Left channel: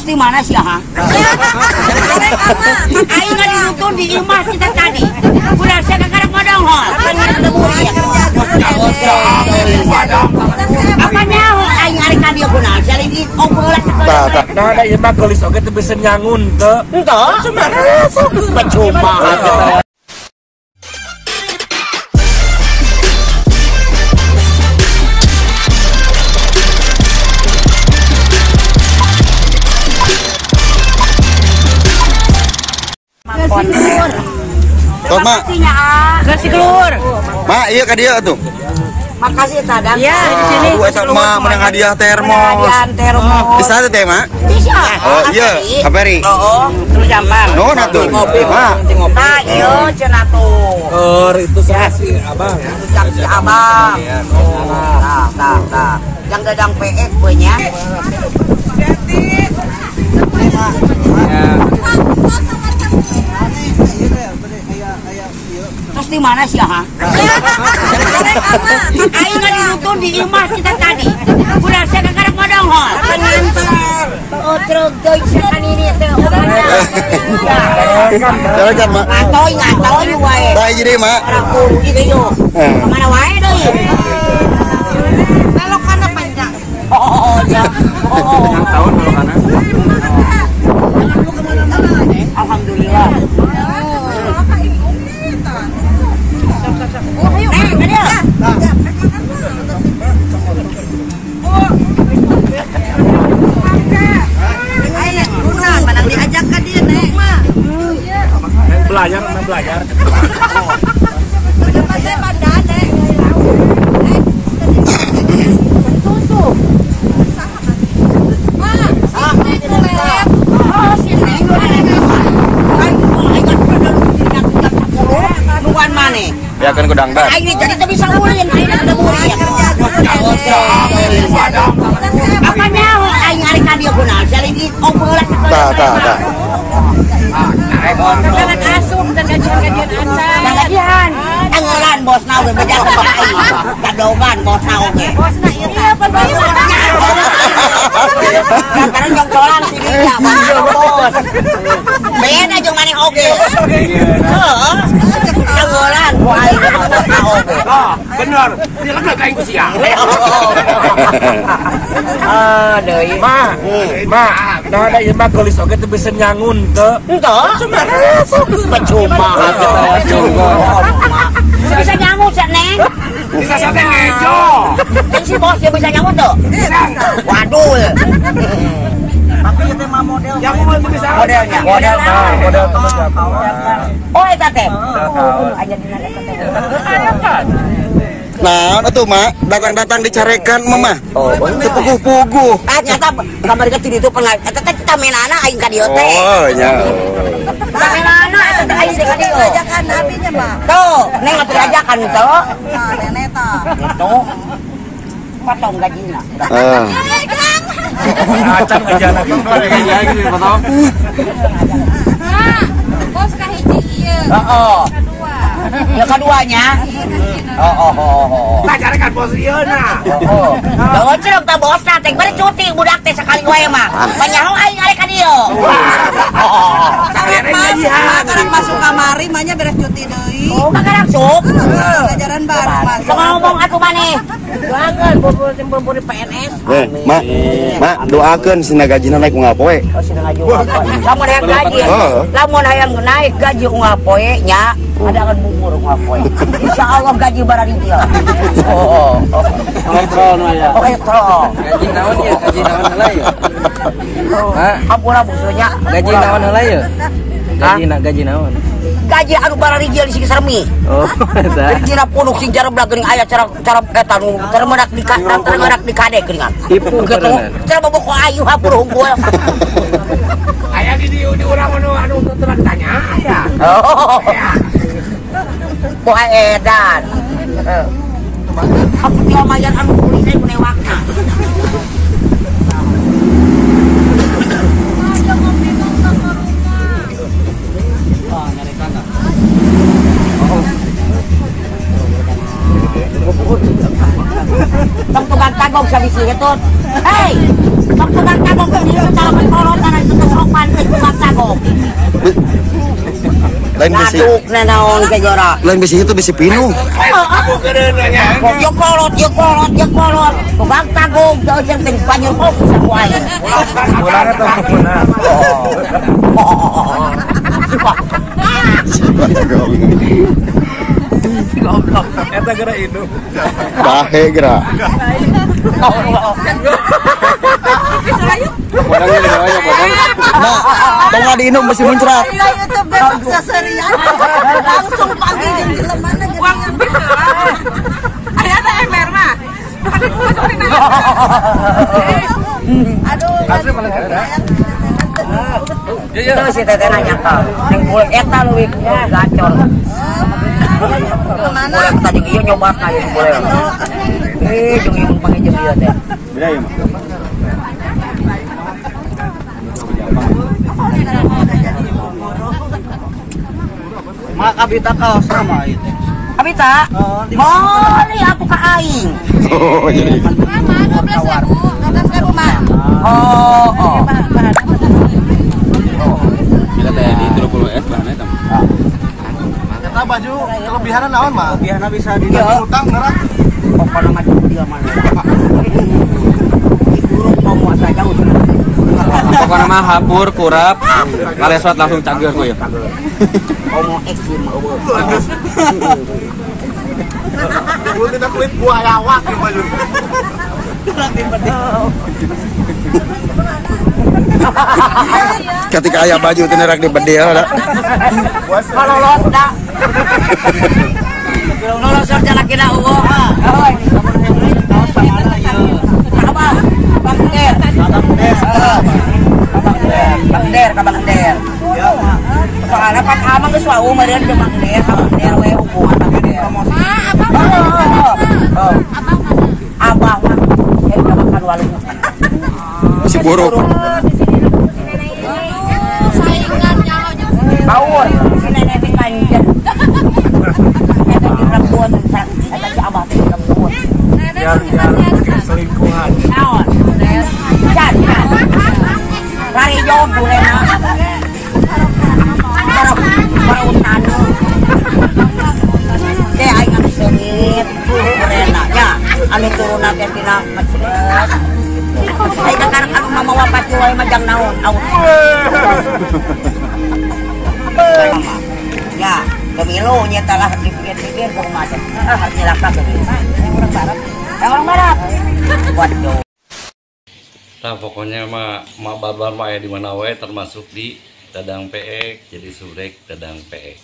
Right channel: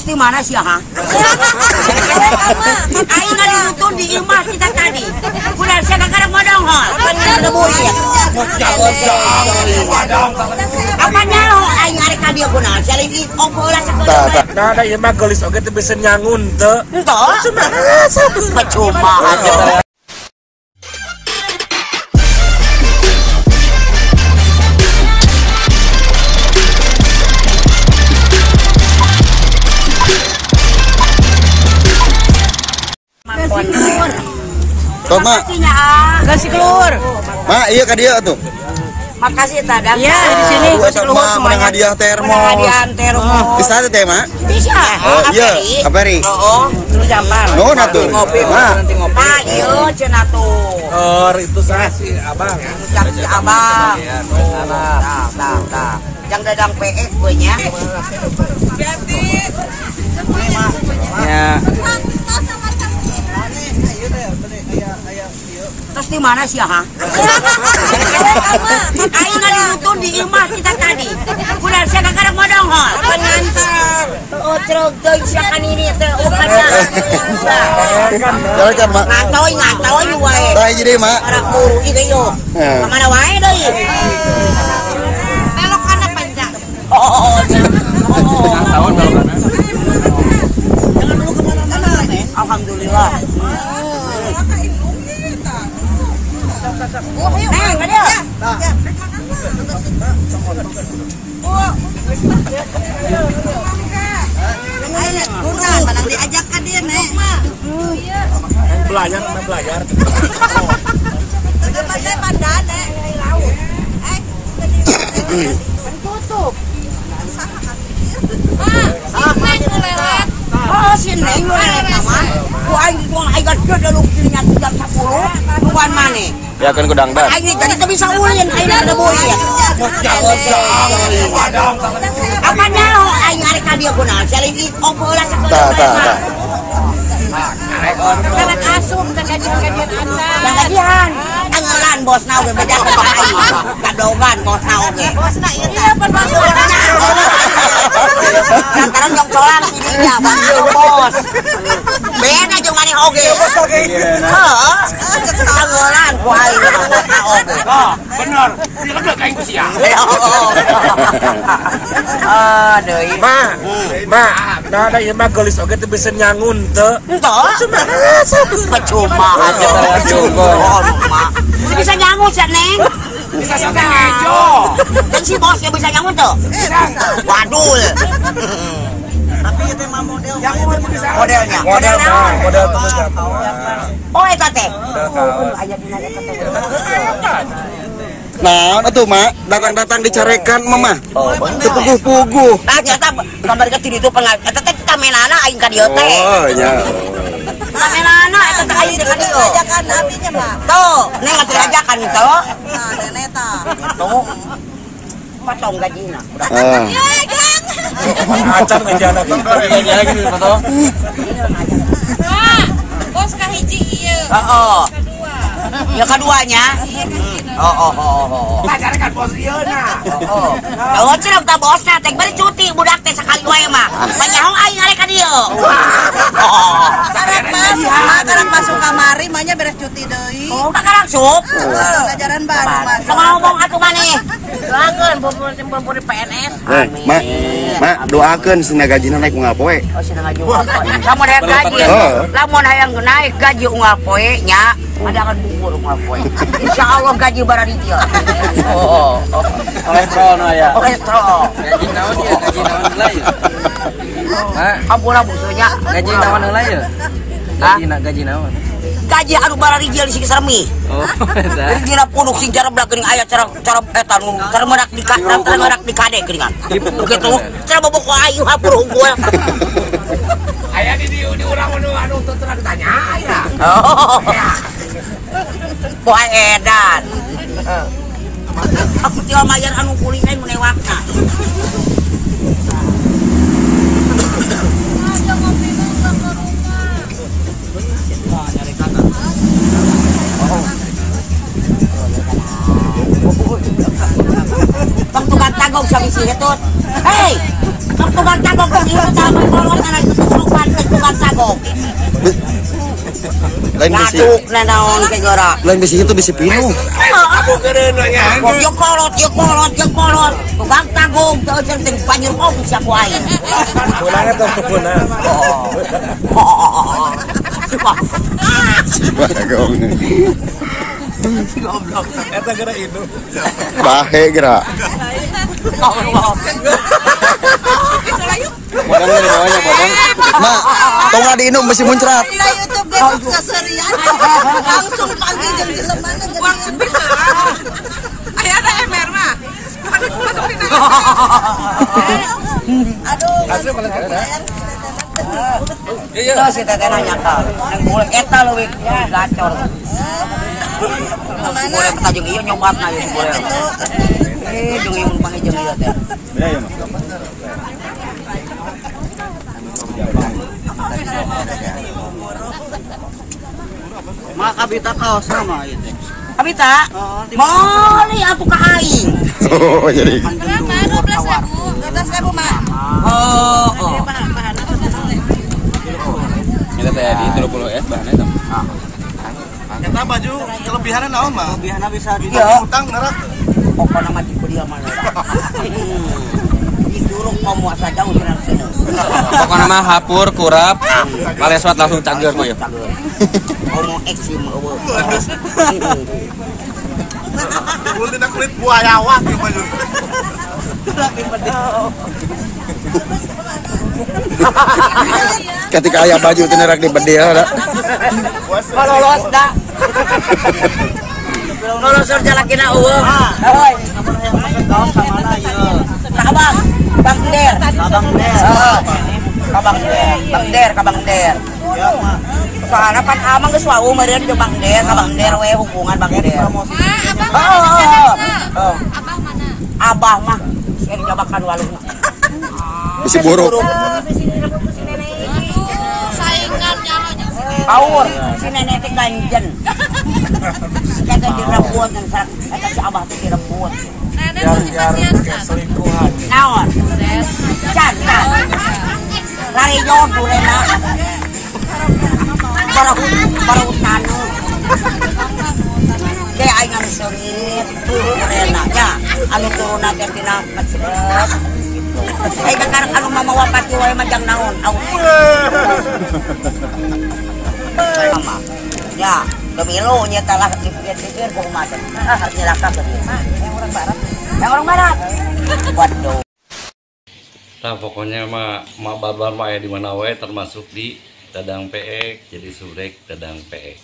Tos di mana sih ha? Ayo nggak dirutun di imah kita tadi. Udah saya kakak modong hol. Apa yang ada buri ya? Apa nyaho? Ayo ngari kadia kuna. Saya lagi obrolan sekolah. Nah ada imah gelis oke tuh bisa nyangun tuh. Entah. Percuma. Tot mak, Kasih keluar. mak iya ka dia tuh. Makasih tadang. Iya di sini. Sama menang hadiah termos. Hadiah termos. Bisa tuh teh mak? Bisa. Oh iya, kaperi. Oh, gampang. No natuh. Ngopi, nanti ngopi. Nah, iya cenah tuh. Itu saksi abang. Saksi abang. Nah. Yang dadang PF punya. Terus di mana sih ha? Ayo nggak dirutun di imah kita tadi. Udah saya kakak modong hol. Apa ngantar? Oh terus doi siakan ini tuh bukannya. Jalan kan mak? Ngatoi wae. Baik jadi mak. Orang buru itu yuk. Kemana wae doi? Belok kanan panjang. Oh ya. Jangan dulu kemana-mana nih. Alhamdulillah. Ada. Mana diajak ke dia naik mah. Belajar. Sudah pandai naik. Tutup. Oh, si Neng lewat. Wah, ayo udah lu ingat jam 10. Nuan mana? Ya kan gudang dah. Ayo jadi tak bisa ulin, ayo ada buri ya. Apa nyaho? Ayo ngari kadia kuna. Saya lagi obrolan sekolah. Tak. Jangan asup dan kajian acan. Dan kajian. Anggaran bos nau ge beda ke aing. Kadogan bos nau ge. Iya perbahasa. Lantaran jongcolan sininya bantu bos. Beda jeung maneh oge. Heeh. Anggaran ku aing bos nau oge. Bener. Dia lebih kayak siang. Deui. Ma, nah ada imah gelis oke tuh bisa nyangun tuh. Entah. Percuma. Bisa nyamuk sih Neng. Bisa ngejo. Dan si bos dia bisa nyamuk tuh. Waduh. Tapi itu mah model. Modelnya. Model naon? Oh eta teh. Oh aya dina eta teh. Nah, atuh mak, datang dicarekan mama. Oh, puguh-puguh. Ternyata gambar kecil itu pengen. Eta teh kita mainana aing ka dieu teh. Oh, nya. Mainana eta teh aing ka dieu. Ajakan nabinya mah. Tuh, neng atuh ajakan tuh. Nah, nenek tah. Tuh. Potong gajina. Acam gajiana kan lagi foto. Bos kahiji ieu. Heeh. Ya keduanya. Pacarkan bos ieu na. Kalau cerep ta bosna teh bari cuti budak teh sekali wae mah. Panyaho aing arek ka dieu. Karek masuk kamari mahnya beres cuti deui. Oh, kakarang sup. Pelajaran baru. Sok ngomong atuh maneh. Doakeun bubur di PNS. Mak, doakeun sina gajina naik unggal poe. Oh, sina gaji. Lamun hayang gaji. Lamun hayang naik gaji unggal poe nya, adakan bubur unggal poe. Insyaallah gaji barari dia. Elektron aya. Elektron. Gaji naon heula ye? Ampura busunya. Gaji naon heula ye? Gaji naon? Gaji anu barari dia di sini seremi. Oh, eta. Jadi dina punduk sing cara belageuning aya cara eta nu termenak di kade geuningan. Kitu. Cara bobok ayu hapur unggul. Aya di urang anu terang tanya aya. Oh. Poe edan. Aku tinggal mayan anu kulit saya menewakna. Tong tukang tagong sa bisi itu. Hei, tong tukang tagong sa bisi itu dalam korona pantai tukang sagok. Lain bisi. Ngaduk na naon kay Gora. Lain bisi itu bisi pinu. Yo kolot. Tukang tagog jauh centeng panyur ko sa kuay. Ulangan tuh muna. Eta gara itu. Bahe geura. Nah, tengah diinum masih muncrat. Nilai YouTube besok seserian. Langsung panggil jeung jelemana jadi bisa. Aya ada emer mah. Bukan itu seperti nanya. Aduh. Asli paling keren. Itu si teteh nanya kau. Yang boleh eta leuwih gacor. Boleh kita jeung ieu nyobat na ieu boleh. Jeung ieu panggil jeung ieu teh. Mak abita kaos sama ieu. Abita? Moli atuh ka aing. Oh, jadi. Berapa? 12.000. 12.000 mah. Oh. Bila teh di 30 es bae eta. Eta baju kelebihanna naon mah? Biasana bisa di Utang ngerak. Pokoknya macam dia mana. Diturung pemuasa jauh sana. Pokoknya mah hapur kurap malesot langsung canggeus mah. Ngomong eksim eueuh. Kulit tidak kulit buayawak ya baju. Ketika ayah baju teh nerak di bedel da. Lolos dah. Lolos kerja laki na eueuh. Heuy, kaos ka mana ieu? Abang, Bang Der. Kabang Der. Ya mah. Soalnya pan amang geus wau meureun jeung Bang Der, Kabang Der we hubungan Bang Der. Abah mah sering nyobakan walung. Si buruk. Saingannya Baur, si nenek teh kanjen. Eta di rambut dan eta si Abah teh di rambut. nenek kematian kan. Selingkuhan. Naon? Can. Lari jauh durena. Para hutan. Teh aing anu seungit durena nya anu turunna teh tina masjid. Aing kakarek anu mamawa pati wae majang naon? Aus. Mama. Ya, pemilu nyata lah dipikir-pikir kok macam. Harus nyelaka ke dia. Yang orang barat. Waduh. Nah pokoknya mah barbar mah ya di mana wae termasuk di Dadang Peek, jadi surek Dadang Peek.